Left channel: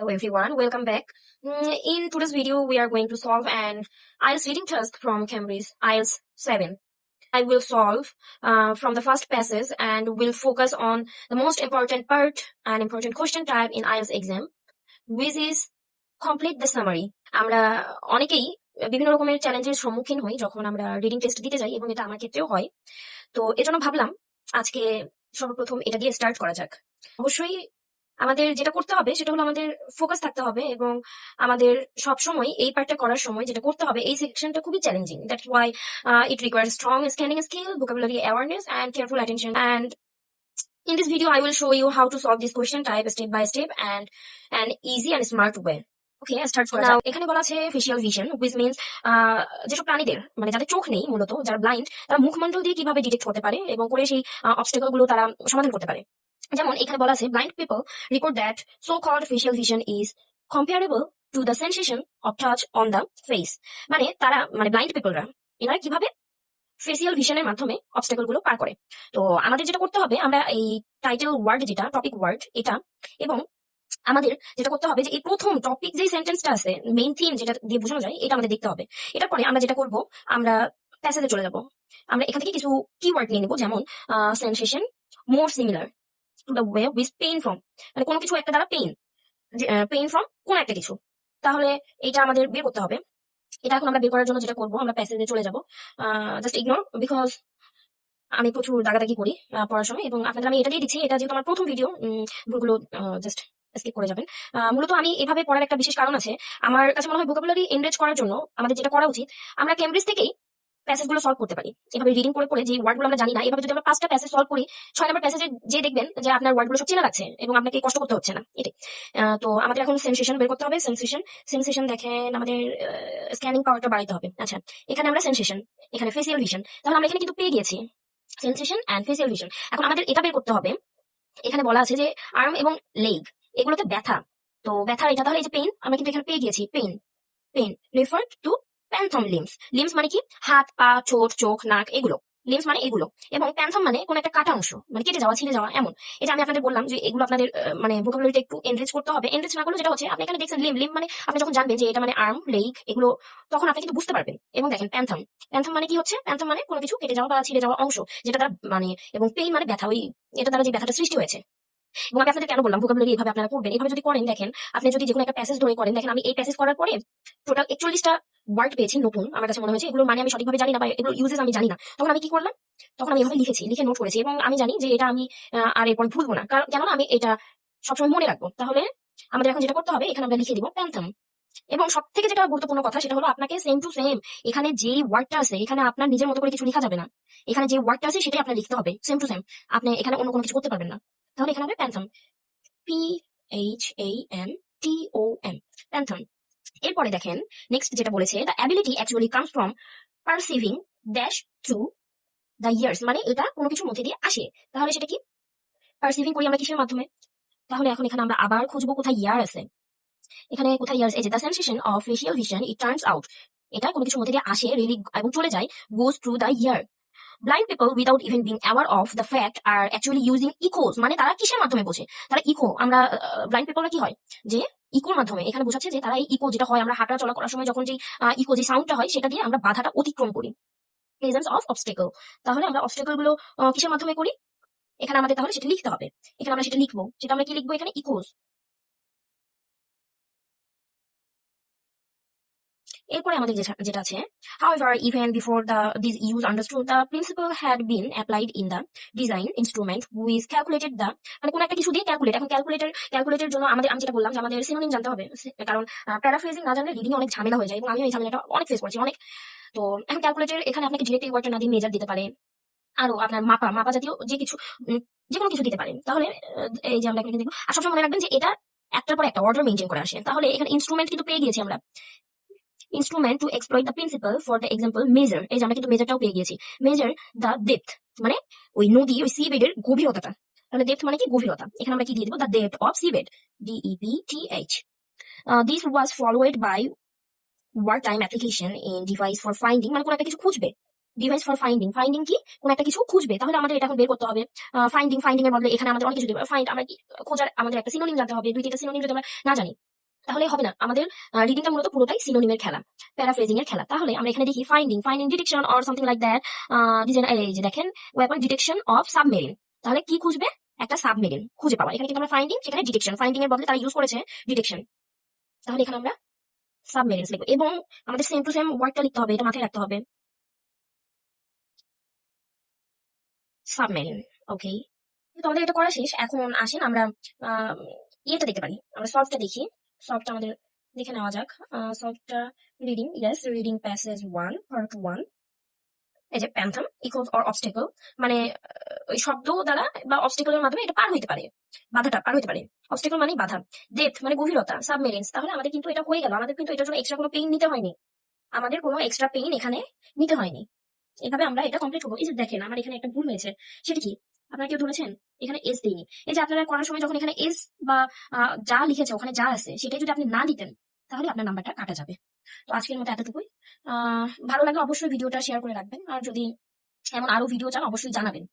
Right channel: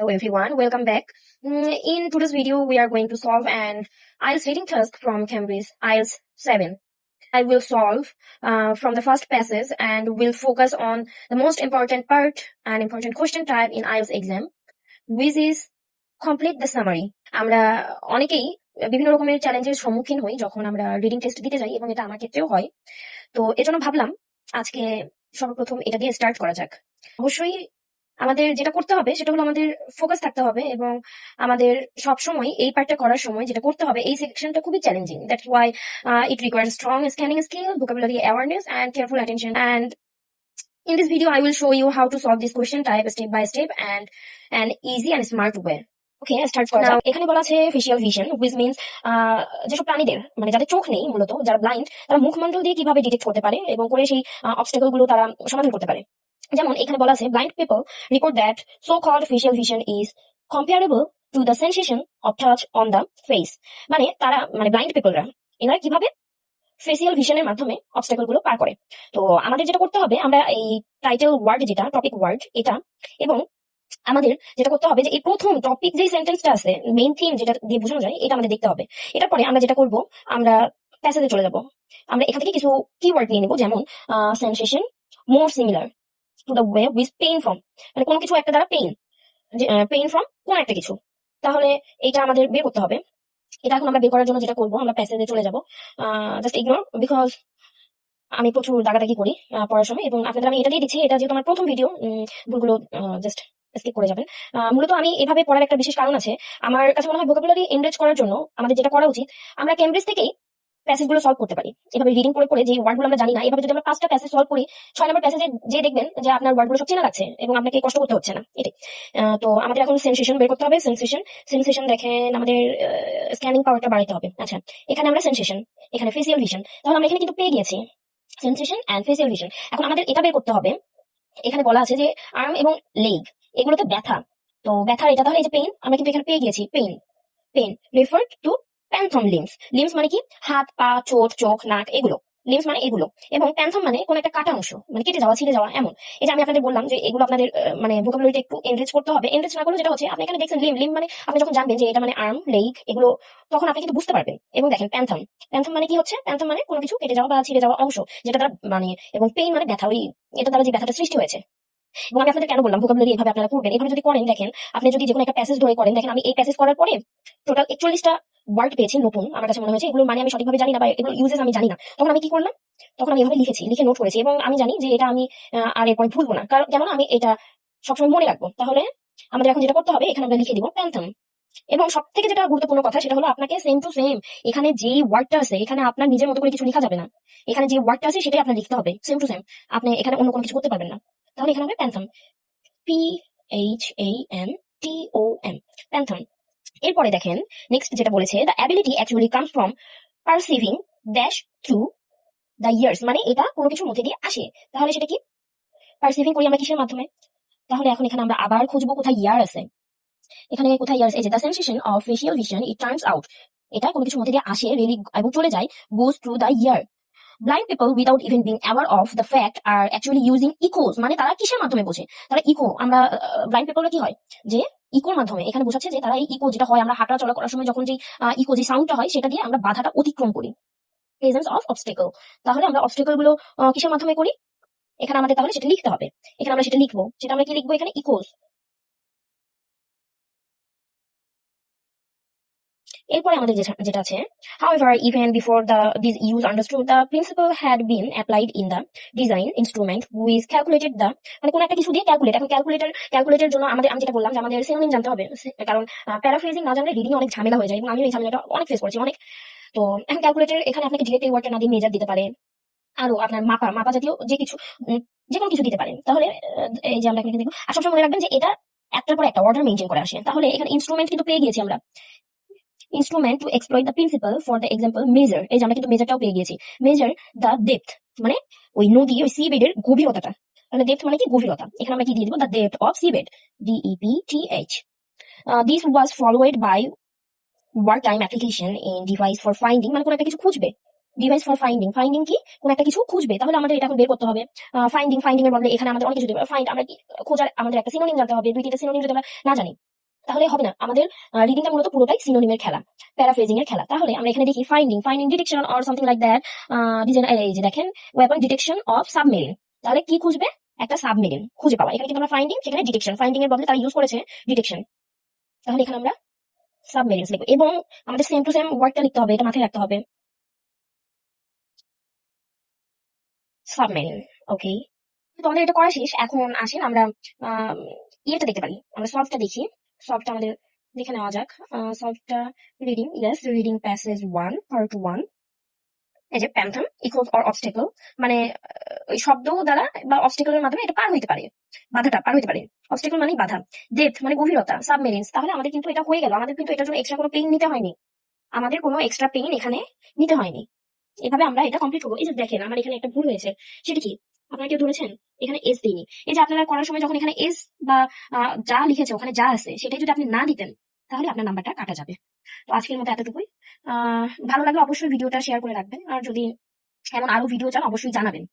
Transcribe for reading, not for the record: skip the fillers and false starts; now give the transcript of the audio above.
Hello everyone, welcome back. In today's video, we are going to solve an IELTS reading task from Cambridge IELTS 7. I will solve from the first passage and will focus on the most important part and important question type in IELTS exam, which is complete the summary. আমরা অনেকেই বিভিন্ন রকমের চ্যালেঞ্জের সম্মুখীন হই যখন আমরা reading test দিতে যাই, এবং এটা আমার ক্ষেত্রেও হয়। তো এজন্য ভাবলাম আজকে সর্বপ্রথম এটা দিয়ে স্টার্ট করা যাক। অবশ্যই আমাদের যেটা করতে হবে সেটা হলো আমাদের ফোকাস থাকতে হবে, এবং আমাদের সবসময় এই পার্টটা করার সময় যেটা করতে হবে, এই সেকশনটা খুবই challenging. That's why it requires strong scanning skill, vocabulary awareness and careful attention. And in this video I will show you how to solve this question type step by step and an easy and smart way. Okay, start করা যাক। এখানে বলা আছে facial vision, which means যেসব প্রাণীদের মানে যাদের চোখ নেই, মূলত যারা ব্লাইন্ড, তারা মুখমণ্ডল দিয়ে কিভাবে ডিটেক্ট করতে পারে এবং করে সেই অবস্টাকল গুলো তারা সমাধান করতে পারে। যেমন এখানে বলা আছে blind people report that so called facial vision is comparable to the sensation of touch on the face. মানে তারা ব্লাইন্ড পিপলরা এনারা কিভাবে ফেসিয়াল ভিশনের মাধ্যমে অবস্টাকল গুলো পার করে। তো আমাদের যেটা করতে হবে, আমরা এই টাইটেল ওয়ার্ড যেটা টপিক ওয়ার্ড এটা, এবং আমাদের যেটা করতে হবে যে এই প্রথম টপিক যে সেন্টেন্সটা আছে, মেইন থিম যেটা দিয়ে বোঝানো যায়, এটা আমাদের দেখতে হবে। এটার পরে আমরা যেটা করব, আমরা প্যাসেজে চলে যাব। আমরা এখান থেকে কিছু কিওয়ার্ড নিয়ে নেব, যেমন sensation more similar to the way with pain from, মানে কোনো কিছু একটা দ্বারা পেইন ফ্রম কোন একটা কিছু। তাহলে এটা আমাদের বের করতে হবে। এটা এখন আমরা বের করার জন্য যেটা করব, আমরা প্যাসেজে চলে যাব। জাস্ট ইগনোর, বিকজ আমি প্রচুর দাগাদাগি করি পড়ার সময়, এবং আপনাদের আমি এটা দিয়ে দিচ্ছি, এটা যেহেতু আমার প্রথম ভিডিও, ভুলগুলো জাস্ট স্কিপ করে যাবেন। মূলত আমি এভাবে পড়ার একটা বিশেষ কারণ আছে। আমার কাছে মনে হয় ভোকাবুলারি এনরিচ করার জন্য আমাদের যেটা করা উচিত, আমরা কেমব্রিজ থেকেই প্যাসেজ গুলো সলভ করতে পারি। এভাবে রিডিং করে পড়ে যে ওয়ার্ড গুলো আমরা জানি না, এভাবে যদি আমরা 5টা প্যাসেজ সলভ করি, 6 নম্বর প্যাসেজে যে দেখবেন যে আপনার ওয়ার্ড গুলো সব চেনা লাগছে এবং আপনাকে কষ্ট করতে হচ্ছে না। এটাই। তো আমাদের এখন সেন্সেশন বের করতে হবে। সেন্সেশন দেখেন, আমাদের স্ক্যানিং পাওয়ারটা বাড়াইতে হবে। আচ্ছা, এখানে আমরা সেন্সেশন, এখানে ফেসিয়াল ভিশন, তাহলে আমরা এখানে কিন্তু পেয়ে গিয়েছি সেন্সেশন এন্ড ফেসিয়াল ভিশন। এখন আমাদের এটা বের করতে হবে। এখানে বলা আছে যে আর্ম এবং লেগ এগুলোতে ব্যথা, তো ব্যথার এটা, তাহলে এই যে পেইন, আমরা কিন্তু এখানে পেয়ে গিয়েছি pain refer to phantom limbs মানে কি, হাত পা চোট চোখ নাক, এগুলো লিমস মানে এগুলো, এবং প্যান্থম মানে কোন একটা কাটা অংশ, মানে কেটে যাওয়া ছিঁড়ে যাওয়া এমন। এটা আমি আপনাদের বললাম যে এগুলো আপনাদের ভোকাবুলারিটা একটু এনরিচ করতে হবে। এনরিচ না করলে যেটা হচ্ছে, আপনি এখানে দেখছেন লিম মানে আপনি যখন জানবেন যে এটা মানে আর্ম লেগ এগুলো, তখন আপনি কিন্তু বুঝতে পারবেন। এবং দেখেন প্যান্থম মানে কি হচ্ছে, প্যান্থম মানে কোনো কিছু কেটে যাওয়া বা ছিঁড়ে যাওয়া অংশ, যেটা দ্বারা এবং পেইন মানে ব্যথা, ওই এটা দ্বারা যে ব্যথাটা সৃষ্টি হয়েছে। এবং আমি আপনাদের কেন বললাম ভোকাবুলারি এভাবে আপনারা করবেন, এভাবে যদি করেন, দেখেন আপনি যদি যে কোনো একটা প্যাসেজ ধরে করেন, দেখেন আমি এই প্যাসেজ করার পরে টোটাল 41টা ওয়ার্ড পেয়েছি নতুন। আমার কাছে মনে হয়েছে এগুলো মানে আমি সঠিকভাবে জানি না, বা এগুলো ইউজেস আমি জানি না। তখন আমি কি করলাম, তখন আমি এভাবে লিখে নোট করেছি, এবং আমি জানি যে এটা আমি আর এরপর ভুলবো না, কারণ কেন আমি এটা সবসময় মনে রাখবো। তাহলে আমাদের এখন যেটা করতে হবে, এখানে আমরা লিখে দিব প্যান্থম। এবং সব থেকে যেটা গুরুত্বপূর্ণ কথা, সেটা হলো আপনাকে সেম টু সেম এখানে যেই ওয়ার্ডটা আছে, এখানে আপনার নিজের মতো করে কিছু লেখা যাবে না। এখানে যে ওয়ার্ডটা আছে সেটাই আপনার লিখতে হবে সেম টু সেম। আপনি এখানে অন্য কোনো কিছু করতে পারবেন না। তাহলে এখানে হবে প্যান্থম, PHANTOM, প্যান্থম। এরপরে দেখেন নেক্সট যেটা বলেছে, the ability actually comes from perceiving dash through the years, মানে এটা কোনো কিছুর মধ্যে দিয়ে আসে। তাহলে সেটা কি, পারসিভিং করি আমরা কিসের মাধ্যমে। তাহলে এখন এখানে আমরা আবার খুঁজবো কোথায় ইয়ার আছে। এখানে কোথায় ইয়ার, এই যে the sensation of facial vision it turns out, এটা কোনো কিছুর মধ্যে দিয়ে আসে রিলি এবং চলে যায়, goes through the ear. Blind people without even being aware of the fact are actually using echoes, মানে তারা কিসের মাধ্যমে বোঝে, তারা ইকো, আমরা ব্লাইন্ড পিপলরা কি হয় যে ইকোর মাধ্যমে, এখানে বোঝাচ্ছে যে তারা এই ইকো যেটা হয়, আমরা হাঁটা চলা করার সময় যখন যে ইকো যে সাউন্ডটা হয়, সেটা দিয়ে আমরা বাধাটা অতিক্রম করি, প্রেজেন্স অফ অবস্টেকল। তাহলে আমরা অবস্টেকল গুলো কিসের মাধ্যমে করি, এখানে আমাদের তাহলে সেটা লিখতে হবে। এখানে আমরা সেটা লিখবো, সেটা আমরা কি লিখবো, এখানে ইকোস। এরপরে আমাদের যেটা আছে, however even before this use understood, the principle had been applied in the design instrument which calculated the, মানে কোন একটা কিছু দিয়ে ক্যালকুলেট। এখন ক্যালকুলেটের জন্য আমি যেটা বললাম যে আমাদের সিনোনিম জানতে হবে, কারণ প্যারাফ্রেজিং না জানলে রিডিং অনেক ঝামেলা হয়ে যায়, এবং আমি এই ঝামেলাটা অনেক ফেস করেছি অনেক। তো এখন ক্যালকুলেটর এখানে আপনাকে ডিরেক্ট এই ওয়ার্ডটা না দিয়ে মেজার দিতে পারে, আরো আপনার মাপা জাতীয় যে কিছু যে কোনো কিছু দিতে পারে। তাহলে এই যে আমরা এখানে দেখবো, আর সবসময় মনে রাখবেন যে এটা একটার পর একটা অর্ডার মেনটেন করে আসে। তাহলে এখানে ইনস্ট্রুমেন্ট কিন্তু পেয়ে গিয়েছি আমরা, instrument to exploit the principal for the example measure, এই যে আমরা কিন্তু মেজারটাও পেয়ে গিয়েছি। মেজার দ্য ডেপথ, মানে ওই নদী, ওই সি বেডের গভীরতাটা, মানে ডেপথ মানে কি, গভীরতা। এখানে আমরা কি দিয়ে দিব, the depth of sea bed, DEPTH. This was followed by war time application in device for finding, মানে কোন একটা কিছু খুঁজবে, ডিভাইস ফর ফাইন্ডিং কি, কোন একটা কিছু খুঁজবে। তাহলে আমাদের এটা এখন বের করতে হবে। ফাইন্ডিং এর বদলে এখানে আমাদের অনেক কিছু দিতে হবে। ফাইন্ড, আমরা কি খোঁজার, আমাদের একটা সিনোনিম জানতে হবে, 2-3টা সিনোনিম যদি আমরা না জানি, তাহলে হবে না। আমাদের রিডিংটা মূলত পুরোটাই সিনোনিমের খেলা, প্যারাফ্রেজিং এর খেলা। তাহলে আমরা এখানে দেখি finding detection or something like that. Design, এই যে দেখেন, ওয়েপন ডিটেকশন অফ সাবমেরিন। তাহলে কি খুঁজবে? একটা সাবমেরিন খুঁজে পাওয়া। এখানে কিন্তু আমরা ফাইন্ডিং, সেখানে ডিটেকশন। ফাইন্ডিং এর বদলে তারা ইউজ করেছে ডিটেকশন। তাহলে এখানে আমরা সাবমেরিনস লিখবো এবং আমাদের সেম টু সেম ওয়ার্ডটা লিখতে হবে, এটা মাথায় রাখতে হবে, সাবমেরিন। ওকে, তো আমাদের এটা করা শেষ। এখন আসেন আমরা আহ, ইয়েটা দেখতে পারি, আমরা সলভটা দেখি। সলভটা আমাদের দেখে নেওয়া যাক। সলভটা reading, yes, reading passage 1 part 1। এই যে প্যান্থাম ইকুয়ালস অর অবস্টেকল, মানে ওই শব্দ দ্বারা বা অবস্টেকলের মাধ্যমে এটা পার হইতে পারে, বাধাটা পার হইতে পারে। অবস্টেকল মানে বাধা। ডেপথ মানে গভীরতা, সাবমেরিনস। তাহলে আমাদের কিন্তু এটা হয়ে গেল, আমাদের কিন্তু এটার জন্য এক্সট্রা কোনো পেইন নিতে হয়নি, আমাদের কোনো এক্সট্রা পেইন এখানে নিতে হয়নি। এভাবে আমরা এটা কমপ্লিট করবো। এই যে দেখেন, আমার এখানে একটা ভুল হয়েছে, সেটা কি? আপনারা কেউ ধরেছেন? এখানে এস দিইনি। এই যে আপনারা করার সময় যখন এখানে এস বা যা লিখেছে ওখানে যা আছে সেটাই যদি আপনি না দিতেন, তাহলে আপনার নাম্বারটা কাটা যাবে। তো আজকের মতো এতটুকুই। ভালো লাগলে অবশ্যই ভিডিওটা শেয়ার করে রাখবেন, আর যদি এমন আরো ভিডিও চান অবশ্যই জানাবেন।